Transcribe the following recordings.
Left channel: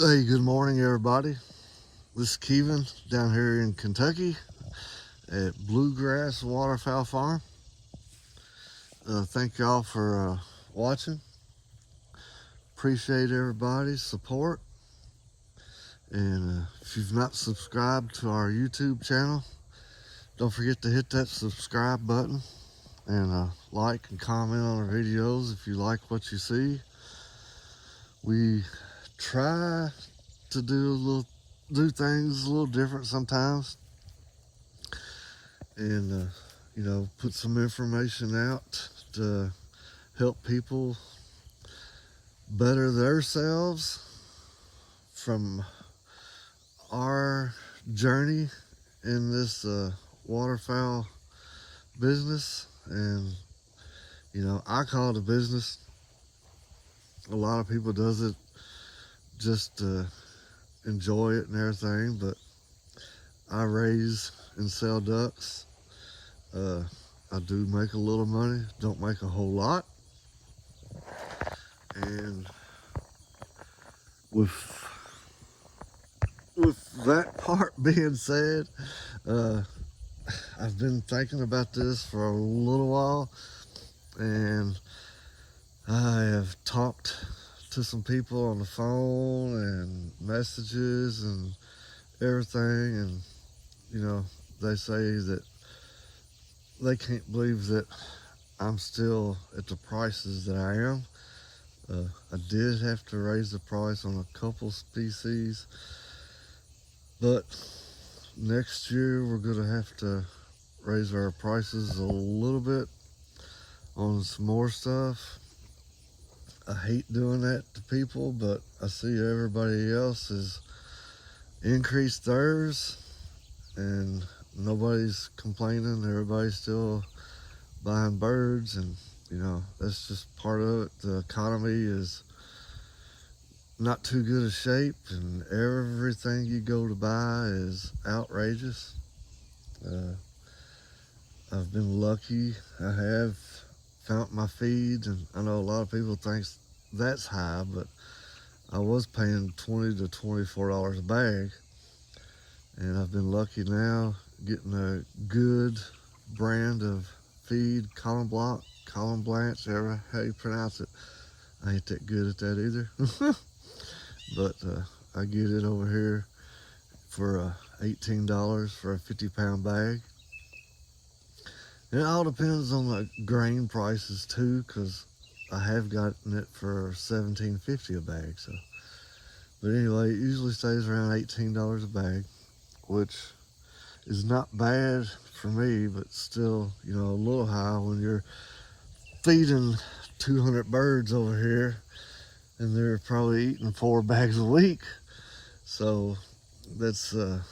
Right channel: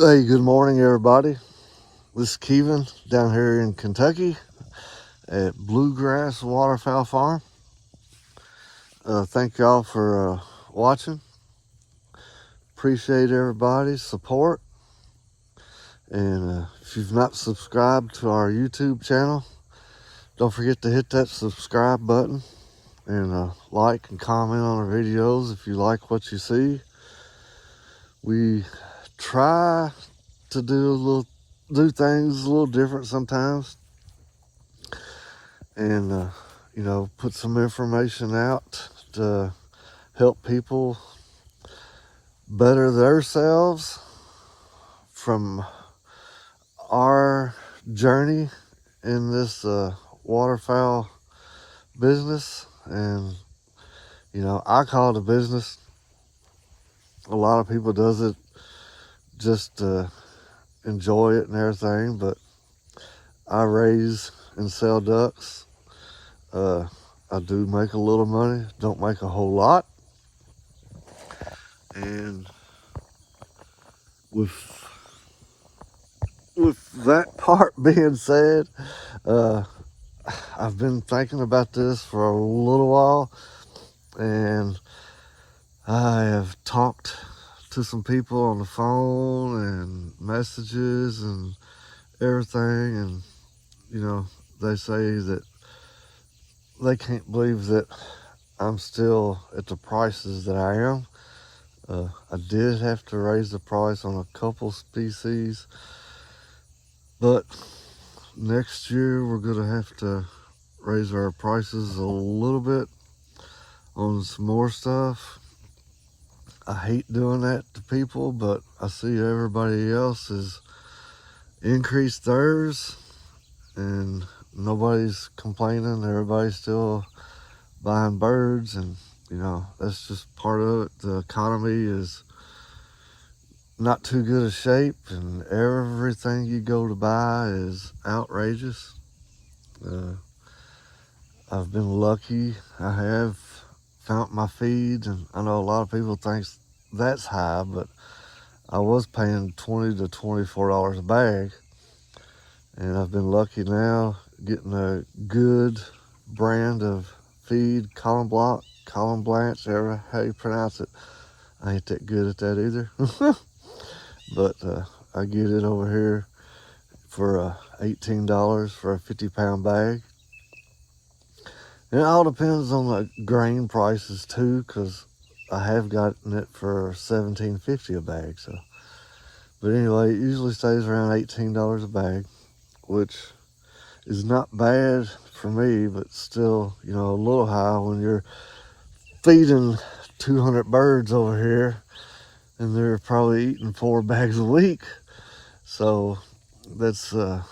Hey, good morning, everybody. This is Kevin down here in Kentucky at Bluegrass Waterfowl Farm. Thank y'all for watching. Appreciate everybody's support. And if you've not subscribed to our YouTube channel, don't forget to hit that subscribe button and like and comment on our videos if you like what you see. We try to do things a little different sometimes, and put some information out to help people better themselves from our journey in this waterfowl business. And I call it a business. A lot of people does it just to enjoy it and everything, but I raise and sell ducks. I do make a little money, don't make a whole lot. And with that part being said, I've been thinking about this for a little while, and I have talked to some people on the phone and messages and everything, and they say that they can't believe that I'm still at the prices that I am. I did have to raise the price on a couple species, but next year we're gonna have to raise our prices a little bit on some more stuff. I hate doing that to people, but I see everybody else has increased theirs and nobody's complaining. Everybody's still buying birds, and that's just part of it. The economy is not too good a shape, and everything you go to buy is outrageous. I've been lucky. I have found my feeds, and I know a lot of people think that's high, but I was paying $20 to $24 a bag, and I've been lucky now getting a good brand of feed, column blanche, however how you pronounce it. I ain't that good at that either. But I get it over here for $18 for a 50-pound bag. And it all depends on the grain prices too, because I have gotten it for $17.50 a bag. So, but anyway, it usually stays around $18 a bag, which is not bad for me, but still, a little high when you're feeding 200 birds over here, and they're probably eating 4 bags a week. So that's a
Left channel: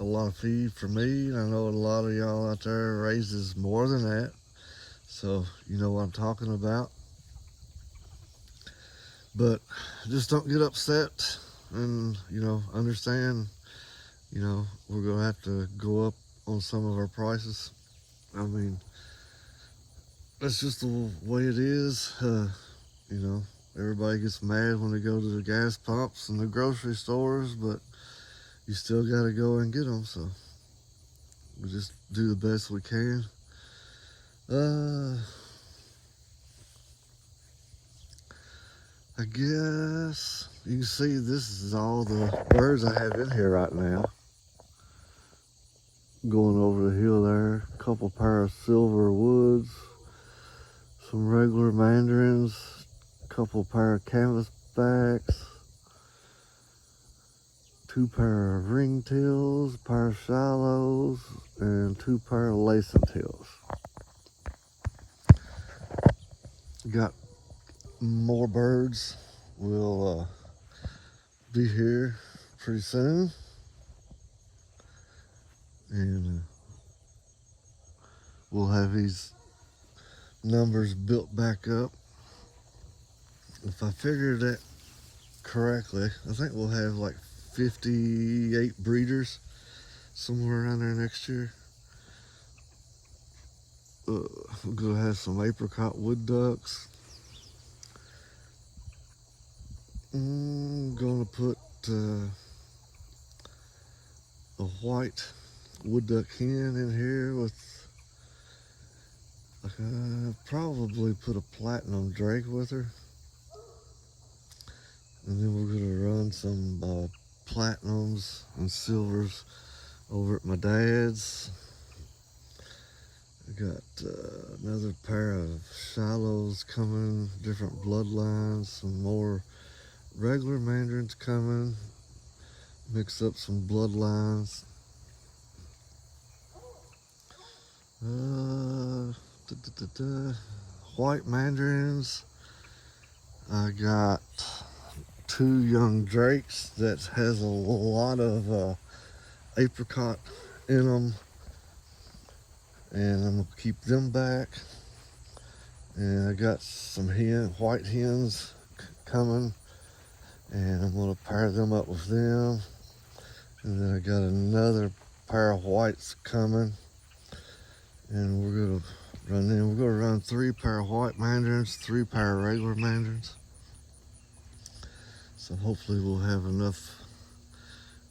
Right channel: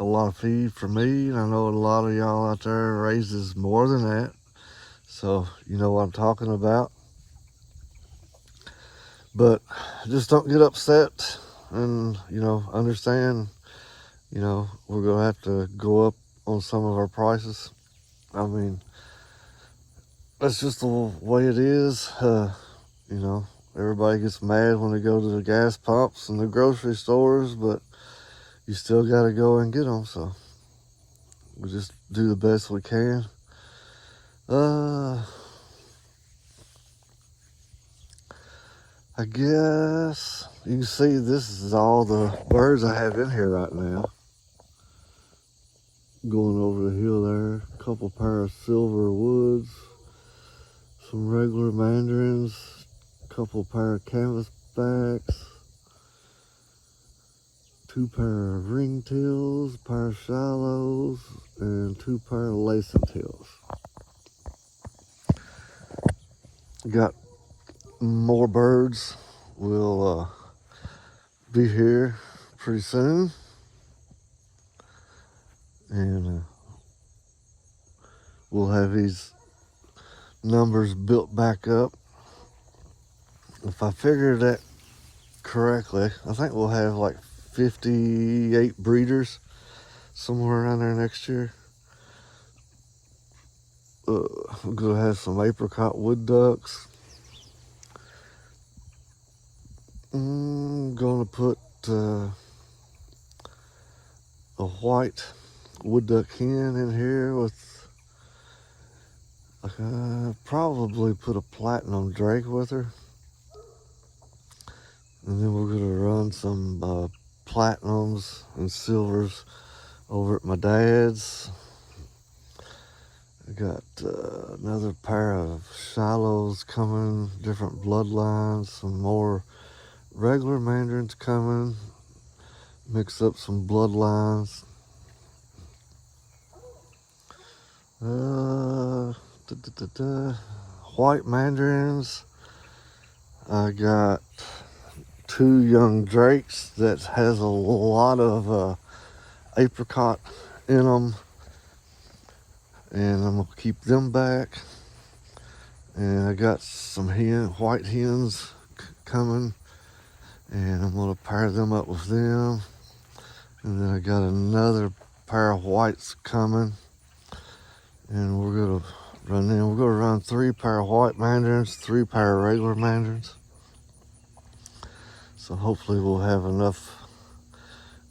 lot of feed for me. And I know a lot of y'all out there raises more than that. So you know what I'm talking about. But just don't get upset, and understand, we're gonna have to go up on some of our prices. I mean, that's just the way it is. Everybody gets mad when they go to the gas pumps and the grocery stores, but you still got to go and get them. So we just do the best we can. I guess you can see this is all the birds I have in here right now. Going over the hill there, a couple pair of silver woods, some regular mandarins, a couple pair of canvasbacks, 2 pair of ringtails, a pair of shallows, and 2 pair of lacing tails. Got more birds. Will be here pretty soon, and we'll have these numbers built back up. If I figured that correctly, I think we'll have like 58 breeders somewhere around there next year. We're gonna have some apricot wood ducks. Gonna to put a white wood duck hen in here with probably put a platinum drake with her, and then we're gonna run some platinums and silvers over at my dad's. I got another pair of Shilohs coming, different bloodlines, some more regular mandarins coming, mix up some bloodlines. White mandarins. I got 2 young drakes that has a lot of apricot in them, and I'm gonna keep them back. And I got some white hens coming, and I'm gonna pair them up with them. And then I got another pair of whites coming, and we're gonna run in. We're gonna run 3 pair of white mandarins, 3 pair of regular mandarins. So hopefully we'll have enough,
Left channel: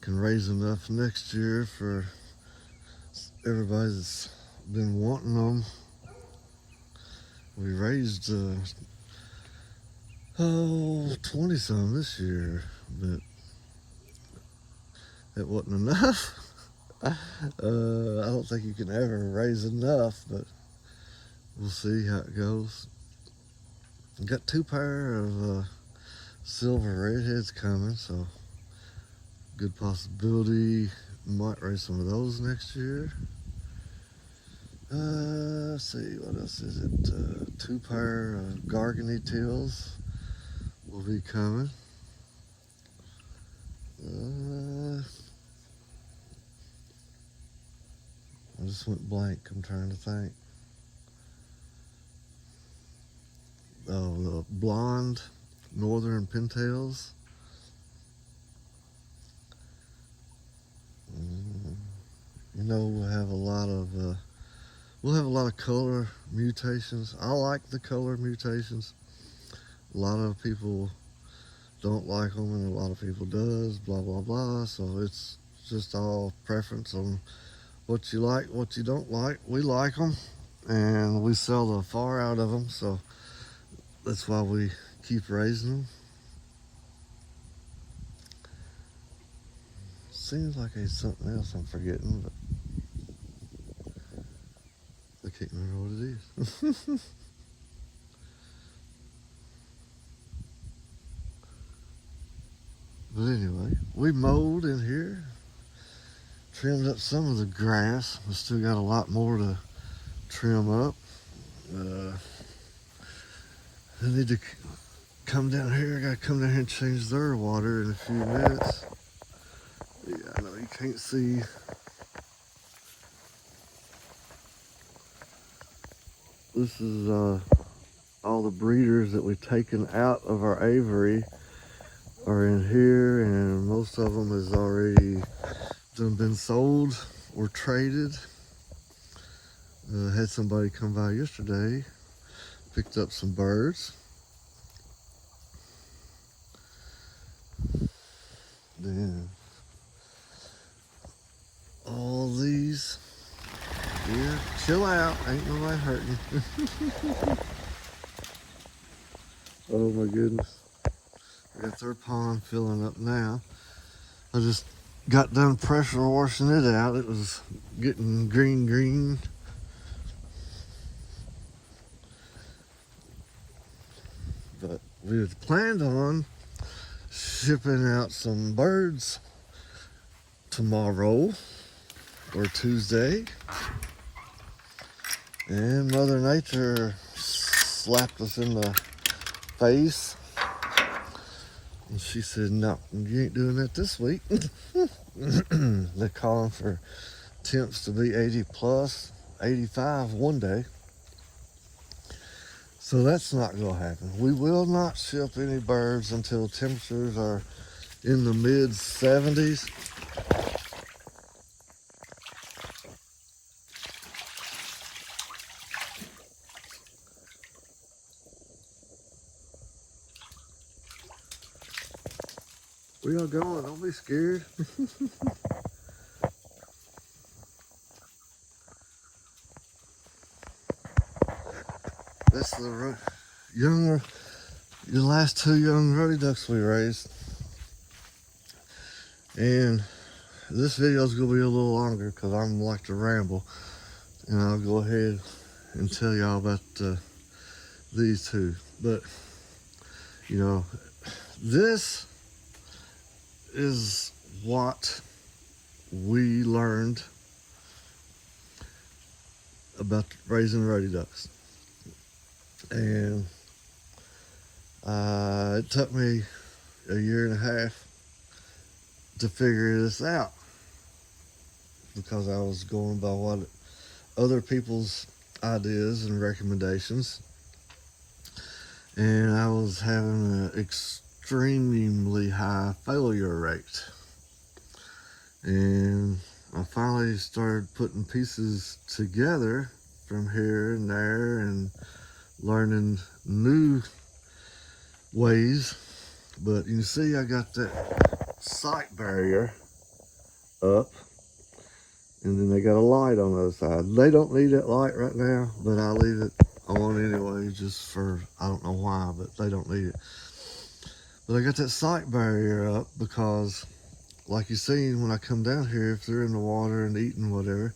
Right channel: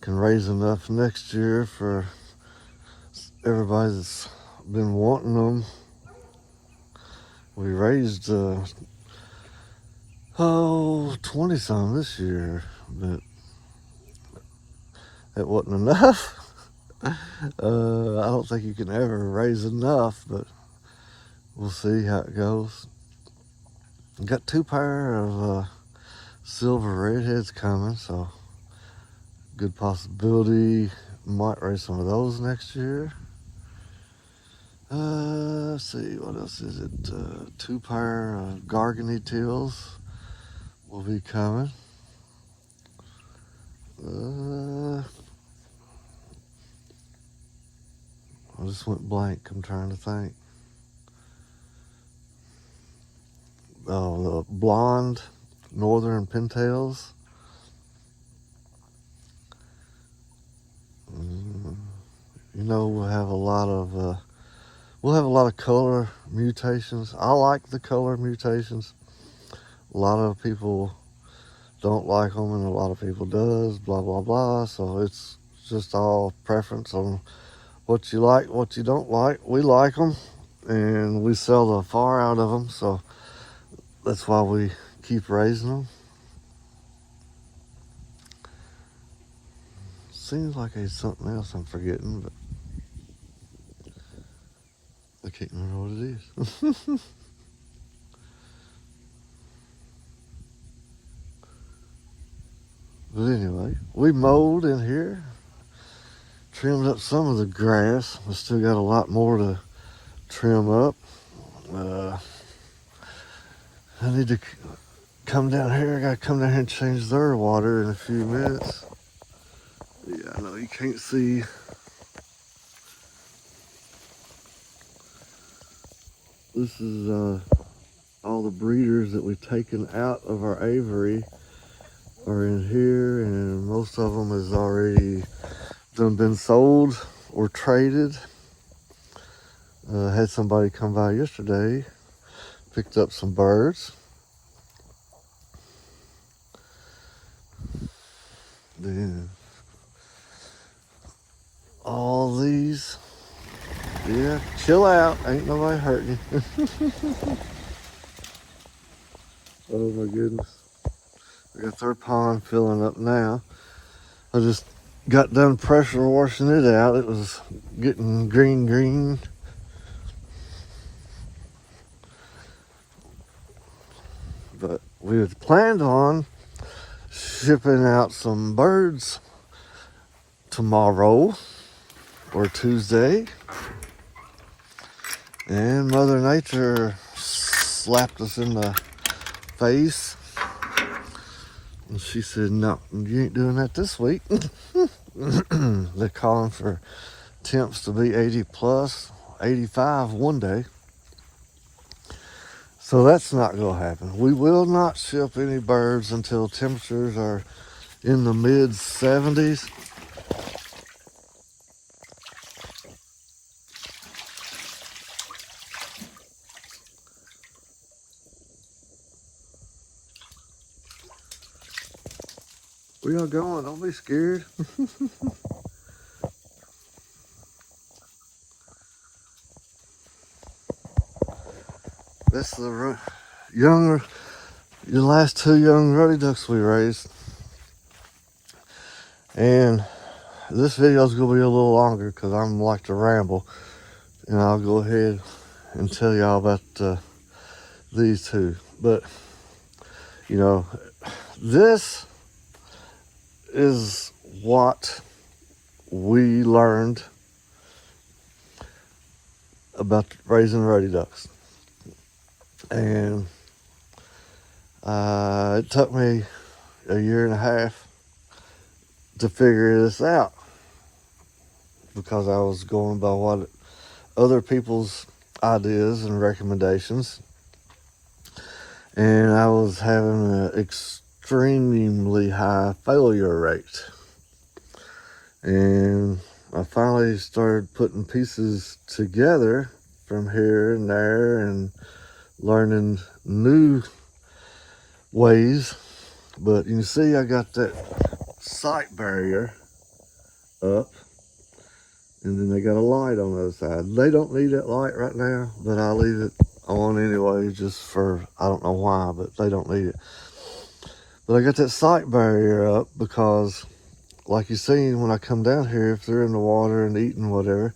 can raise enough next year for everybody that's been wanting them. We raised 20 some this year, but it wasn't enough. I don't think you can ever raise enough, but we'll see how it goes. Got 2 pair of silver redheads coming, so good possibility might raise some of those next year. Let's see, what else is it? 2 pair of gargany teals will be coming. I just went blank. I'm trying to think. Oh, the blonde northern pintails. You know, we'll have a lot of color mutations. I like the color mutations. A lot of people don't like them, and a lot of people does. Blah blah blah. So it's just all preference on what you like, what you don't like. We like them, and we sell the far out of them. So that's why we keep raising them. Seems like it's something else I'm forgetting, but I can't remember what it is. But anyway, we mowed in here, trimmed up some of the grass. We still got a lot more to trim up. I need to come down here. I gotta come down here and change their water in a few minutes. Yeah, I know you can't see. This is all the breeders that we've taken out of our aviary are in here, and most of them has already been sold or traded. Had somebody come by yesterday, picked up some birds. Then all these, yeah, chill out, ain't nobody hurting you. Oh my goodness. I got their pond filling up now. I just got done pressure washing it out. It was getting green. But we had planned on shipping out some birds tomorrow or Tuesday. And Mother Nature slapped us in the face. And she said, no, you ain't doing that this week. They're calling for temps to be 80 plus, 85 one day. So that's not going to happen. We will not ship any birds until temperatures are in the mid 70s. Where y'all going? Don't be scared. That's the your last two young ruddy ducks we raised. And this video is going to be a little longer because I'm like to ramble. And I'll go ahead and tell y'all about these two. But, you know, this is what we learned about raising ruddy ducks. And it took me a year and a half to figure this out because I was going by what other people's ideas and recommendations, and I was having an extremely high failure rate. And I finally started putting pieces together from here and there and learning new ways. But you can see I got that sight barrier up, and then they got a light on the other side. They don't need that light right now, but I leave it on anyway, just for, I don't know why, but they don't need it. But I got that sight barrier up because, like you seen, when I come down here, if they're in the water and eating whatever,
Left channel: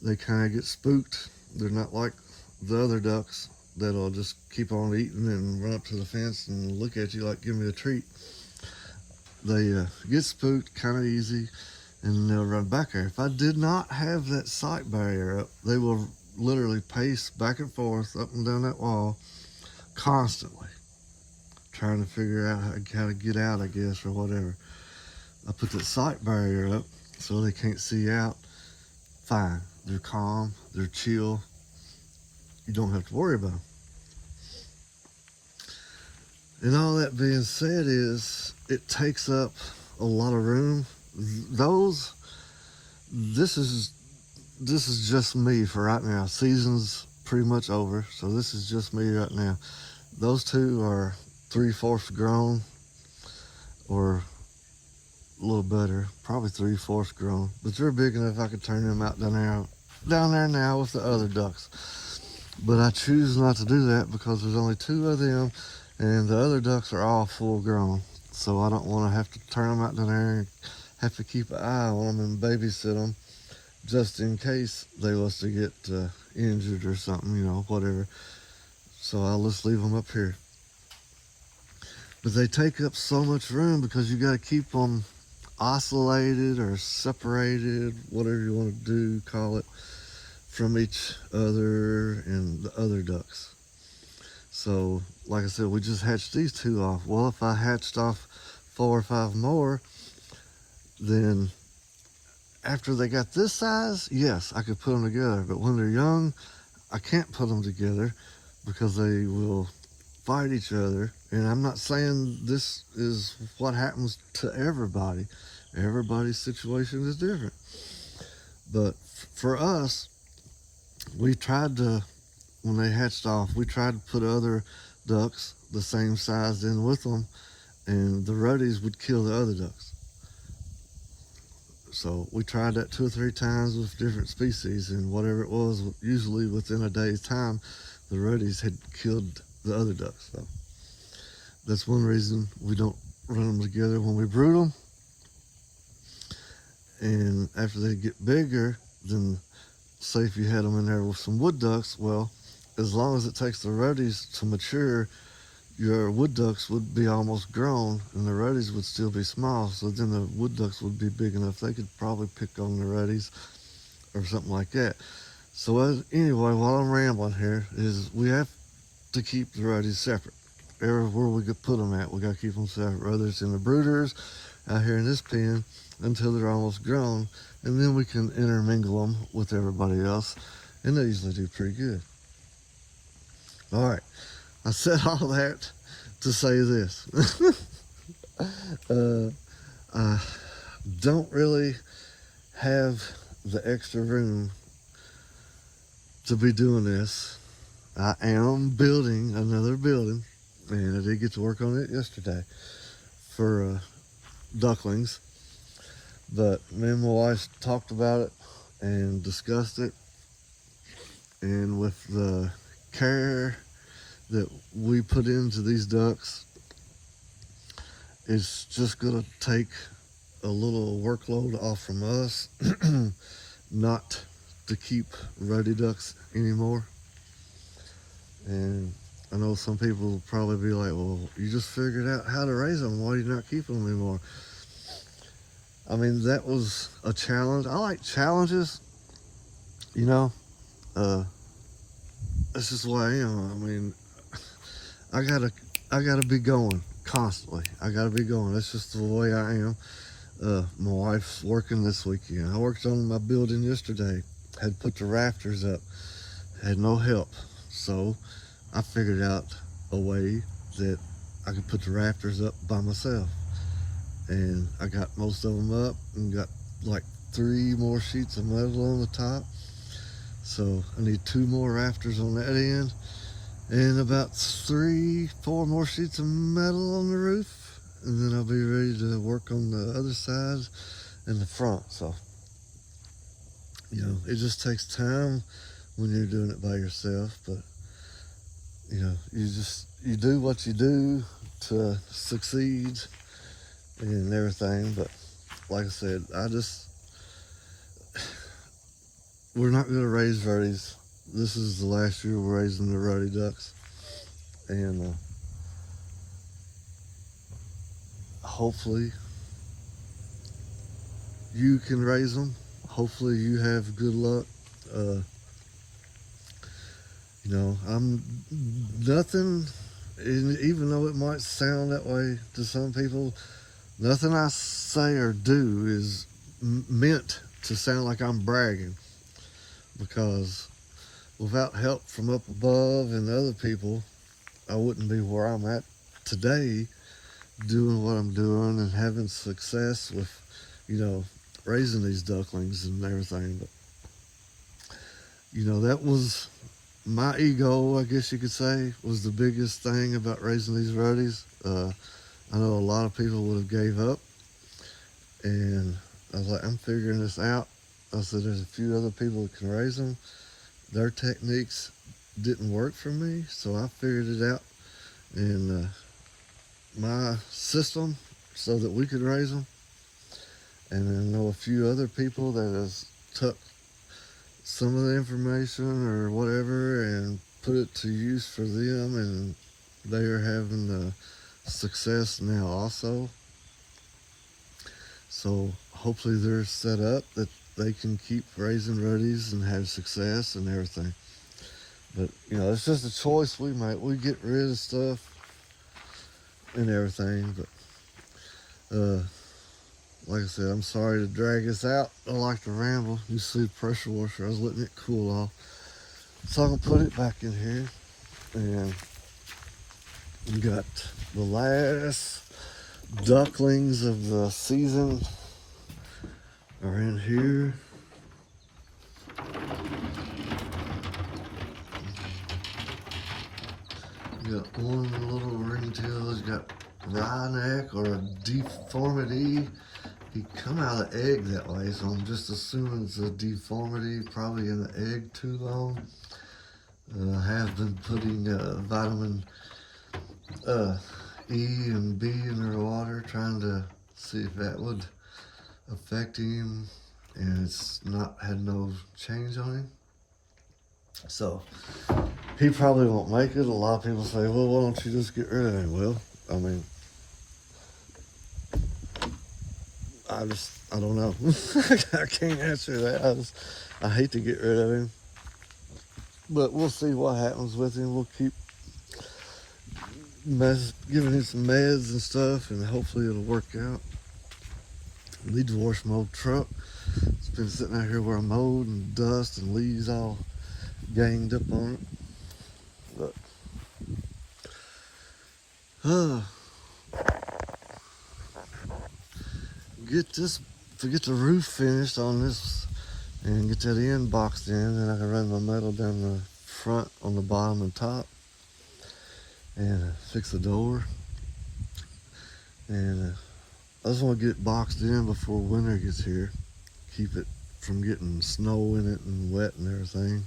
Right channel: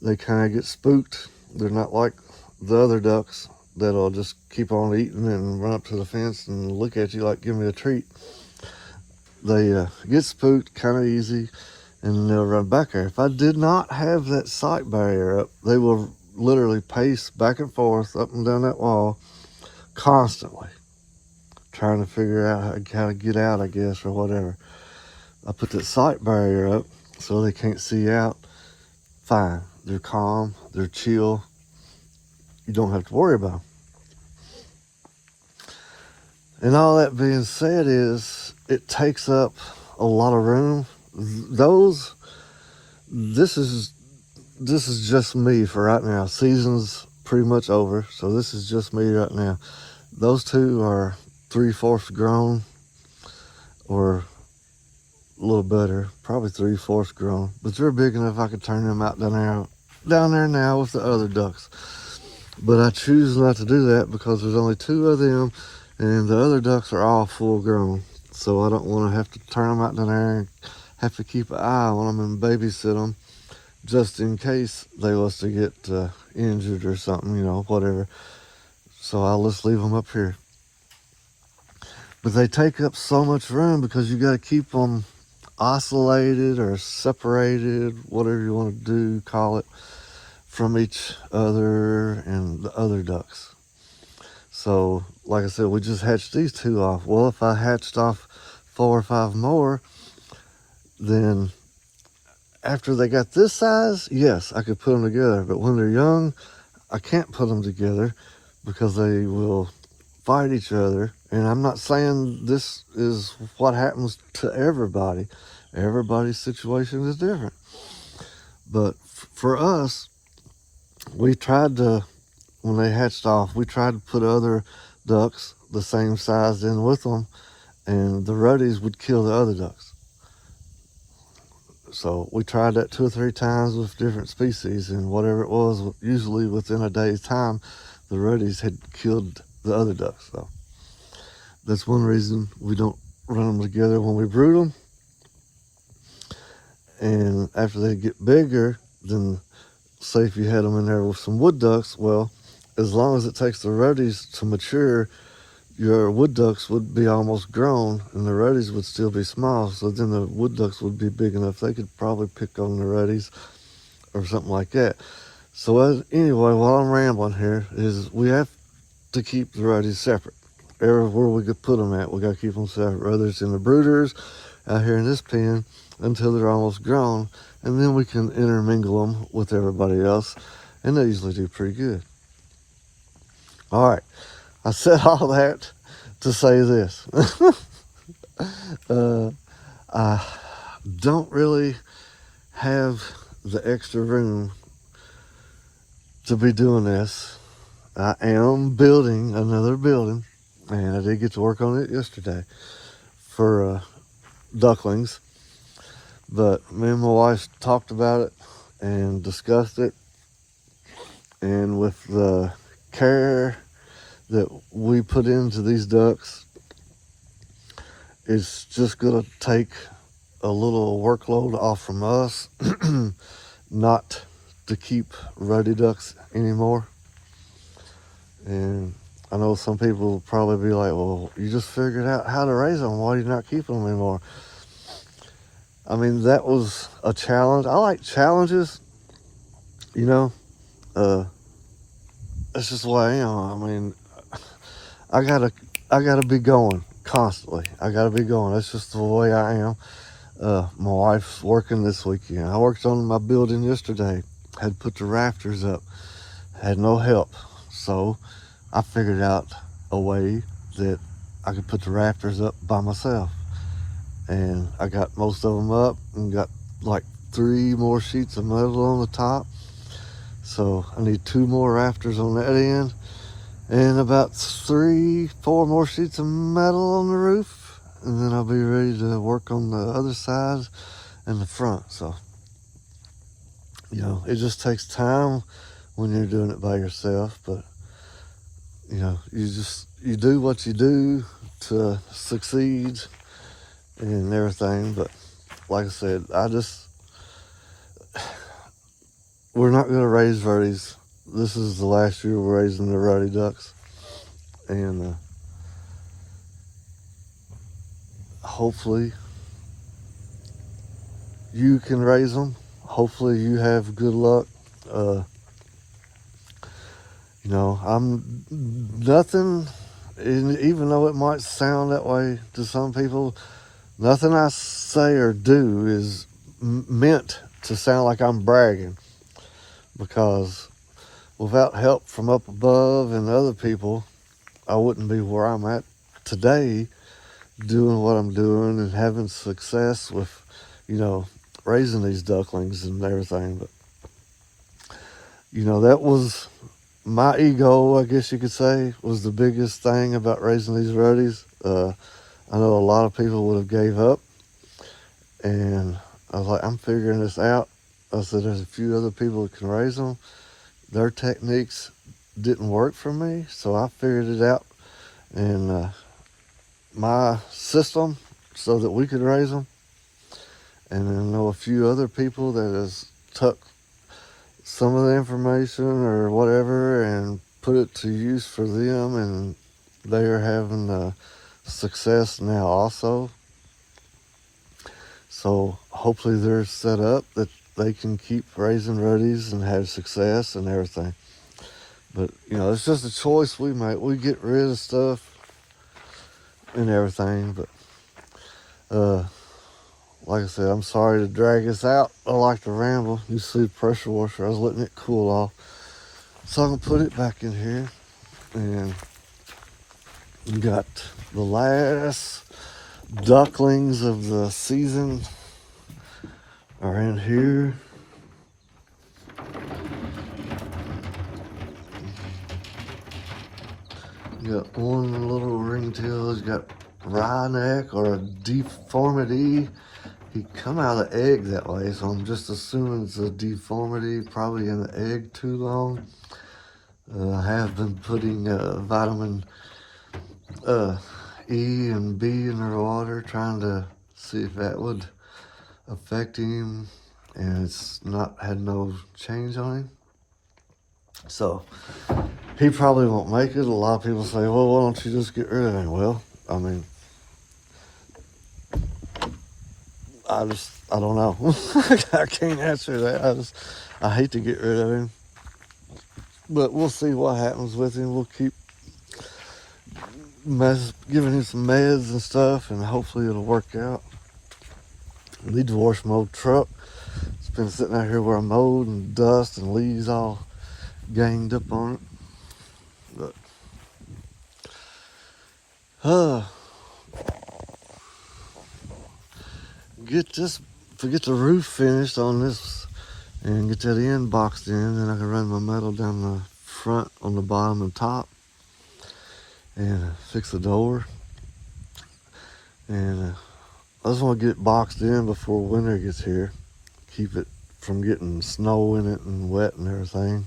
they kind of get spooked. They're not like the other ducks that'll just keep on eating and run up to the fence and look at you like, give me a treat. They get spooked kind of easy, and they'll run back there. If I did not have that sight barrier up, they will literally pace back and forth up and down that wall constantly, trying to figure out how to get out, I guess, or whatever. I put that sight barrier up so they can't see out. Fine. They're calm. They're chill. You don't have to worry about them. And all that being said is, it takes up a lot of room. This is just me for right now. Season's pretty much over, so this is just me right now. Those two are 3/4 grown, or a little better, probably 3/4 grown. But they're big enough I could turn them out down there now with the other ducks. But I choose not to do that because there's only two of them, and the other ducks are all full grown. So I don't want to have to turn them out down there and have to keep an eye on them and babysit them just in case they was to get injured or something, you know, whatever. So I'll just leave them up here. But they take up so much room because you got to keep them isolated or separated, whatever you want to do, call it, from each other and the other ducks. So, like I said, we just hatched these two off. Well, if I hatched off 4 or 5 more, then after they got this size, yes, I could put them together. But when they're young, I can't put them together because they will fight each other. And I'm not saying this is what happens to everybody. Everybody's situation is different. But for us, we tried to, when they hatched off, we tried to put other ducks the same size in with them, and the ruddies would kill the other ducks. So we tried that 2 or 3 times with different species, and whatever it was, usually within a day's time, the ruddies had killed the other ducks. So that's one reason we don't run them together when we brood them. And after they get bigger, then say if you had them in there with some wood ducks, well, as long as it takes the ruddies to mature, your wood ducks would be almost grown and the ruddies would still be small. So then the wood ducks would be big enough they could probably pick on the ruddies or something like that. So anyway, while I'm rambling here, is we have to keep the ruddies separate. Everywhere we could put them at, we got to keep them separate, whether it's in the brooders, out here in this pen, until they're almost grown, and then we can intermingle them with everybody else, and they usually do pretty good. All right, I said all that to say this. I don't really have the extra room to be doing this. I am building another building, and I did get to work on it yesterday for ducklings. But me and my wife talked about it and discussed it. And with the care that we put into these ducks, it's just going to take a little workload off from us, not to keep ruddy ducks anymore. And I know some people will probably be like, well, you just figured out how to raise them. Why are you not keeping them anymore? I mean, that was a challenge. I like challenges, you know. That's just the way I am. I mean, I gotta be going constantly. I gotta be going. That's just the way I am. My wife's working this weekend. I worked on my building yesterday. Had put the rafters up. Had no help. So I figured out a way that I could put the rafters up by myself. And I got most of them up and got like 3 more sheets of metal on the top. So I need 2 more rafters on that end and about 3-4 more sheets of metal on the roof. And then I'll be ready to work on the other side and the front. So, you know, it just takes time when you're doing it by yourself. But, you know, you do what you do to succeed and everything. But like I said, we're not going to raise Ruddies. This is the last year we're raising the Ruddy ducks. And hopefully you can raise them. Hopefully you have good luck. You know, I'm nothing, even though it might sound that way to some people, nothing I say or do is meant to sound like I'm bragging, because without help from up above and other people, I wouldn't be where I'm at today doing what I'm doing and having success with, you know, raising these ducklings and everything. But, you know, that was my ego, I guess you could say, was the biggest thing about raising these Ruddies. I know a lot of people would have gave up, and I was like, I'm figuring this out. I said, there's a few other people that can raise them. Their techniques didn't work for me, so I figured it out. And my system so that we could raise them. And then I know a few other people that has took some of the information or whatever and put it to use for them, and they are having success now also. So hopefully they're set up that they can keep raising Ruddies and have success and everything. But, you know, it's just a choice we make. We get rid of stuff and everything. But, like I said, I'm sorry to drag this out. I like to ramble. You see the pressure washer. I was letting it cool off. So I'm going to put it back in here. And we got the last ducklings of the season around here. You got one little ringtail. He's got wry neck or a deformity. He come out of the egg that way, so I'm just assuming it's a deformity, probably in the egg too long. I have been putting vitamin E and B in their water, trying to see if that would affect him, and it's not had no change on him. So he probably won't make it. A lot of people say, well, why don't you just get rid of him? Well, I mean, I don't know. I can't answer that. I hate to get rid of him. But we'll see what happens with him. We'll keep giving him some meds and stuff, and hopefully it'll work out. I need to wash my old truck. It's been sitting out here where I mowed, and dust and leaves all ganged up on it. Get the roof finished on this and get that end boxed in, then I can run my metal down the front on the bottom and top and fix the door. And I just want to get boxed in before winter gets here. Keep it from getting snow in it and wet and everything.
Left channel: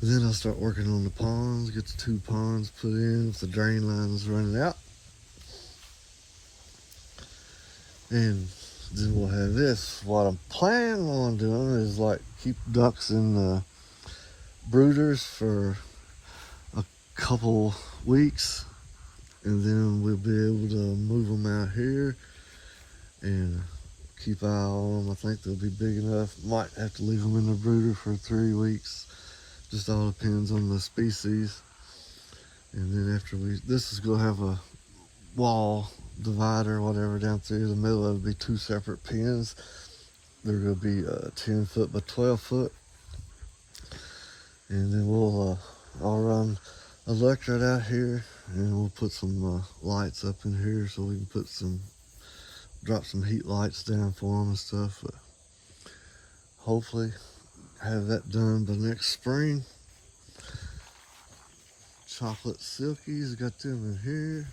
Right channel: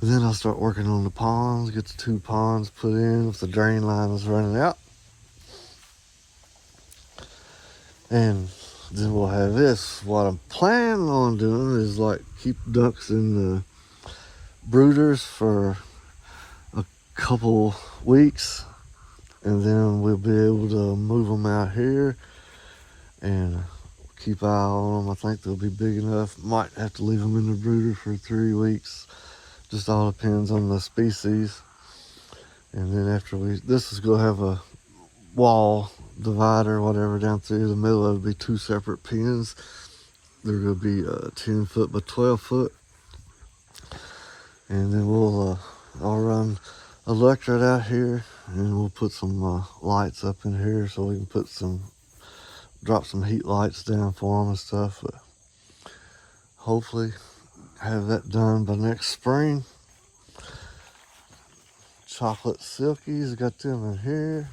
And then I'll start working on the ponds, get the 2 ponds put in if the drain line is running out. And then we'll have this. What I'm planning on doing is like keep ducks in the brooders for a couple weeks, and then we'll be able to move them out here and keep an eye on them. I think they'll be big enough. Might have to leave them in the brooder for 3 weeks. Just all depends on the species. And then after this is gonna have a wall divider, whatever, down through the middle. It'll be 2 separate pens. They're gonna be 10 foot by 12 foot. And then I'll run electric out here, and we'll put some lights up in here so we can drop some heat lights down for them and stuff. But hopefully have that done by next spring. Chocolate silkies, got them in here.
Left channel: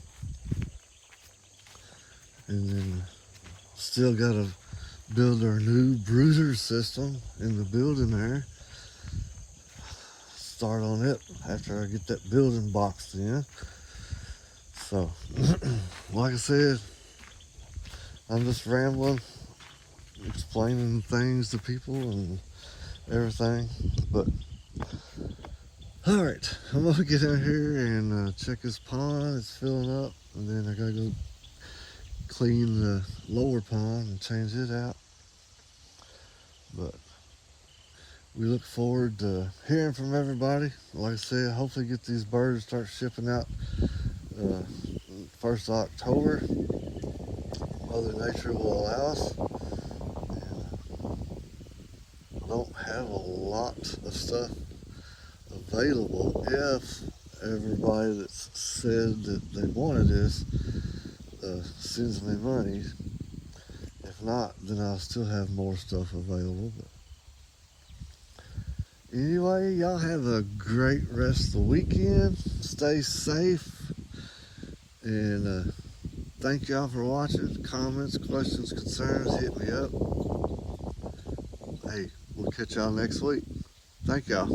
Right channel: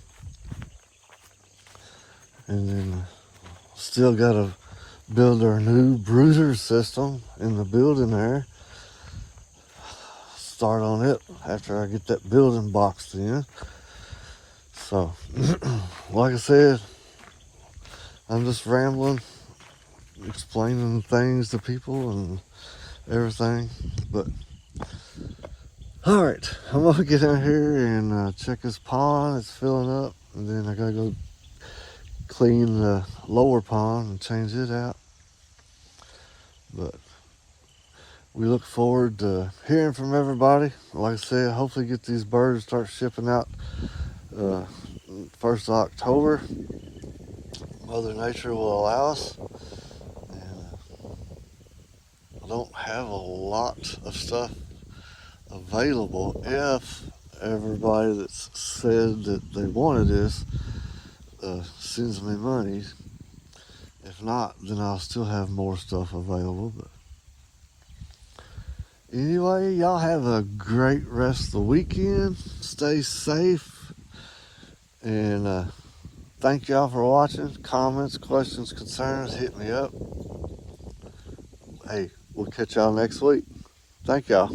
And then still got to build our new brooder system in the building there. Start on it after I get that building boxed in. So, like I said, I'm just rambling, explaining things to people and everything. But all right, I'm gonna get out here and check this pond. It's filling up, and then I gotta go clean the lower pond and change it out. But we look forward to hearing from everybody. Like I said, hopefully get these birds start shipping out 1st of October. Mother Nature will allow us. Don't have a lot of stuff available. If everybody that's said that they wanted this sends me money. If not, then I'll still have more stuff available. But anyway, y'all have a great rest of the weekend. Stay safe. And thank y'all for watching. Comments, questions, concerns, hit me up. Hey, we'll catch y'all next week. Thank y'all.